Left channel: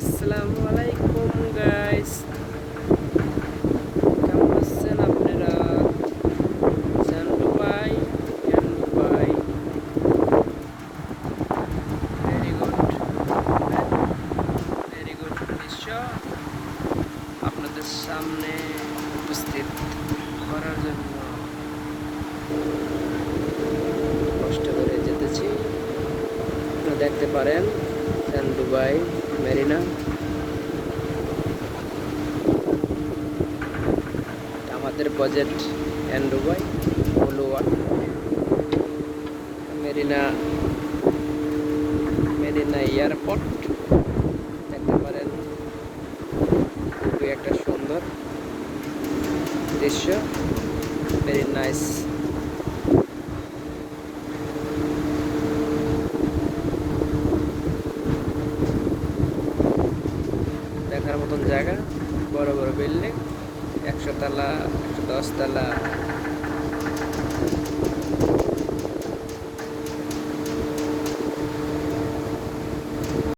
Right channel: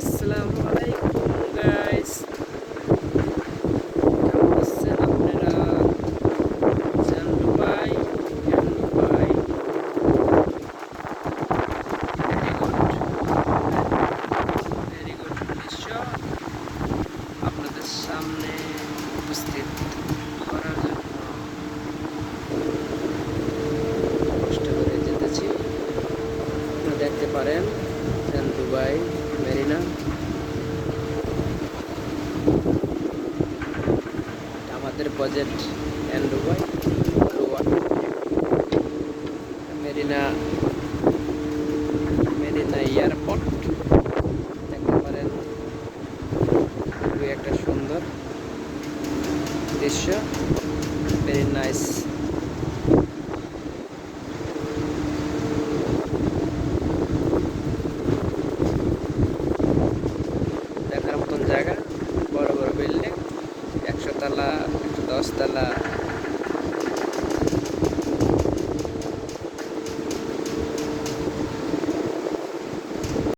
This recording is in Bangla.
আসসালামু আলাইকুম গাইস, কেমন আছেন আপনারা? জানলু ভাই, জানলু ভাই, ভেরি গুড, ভেরি গুড দৃশ্য আপনাদের সামনে উপস্থিত করার জন্য কষ্ট করে যেতেছি। দেখতে পারেন দুবাই মেরিনা, আমাদের প্রজেক্ট দুবাই লোয়া মেরিনা, মেরিনা এয়ারপোর্ট দেখতে পারেন। খুবই একটা সুন্দর দৃশ্য, ভেরি নাইস। দেখার মতন জায়গা, বড় বড় বিল্ডিং, 100 তলা, 10 তলা।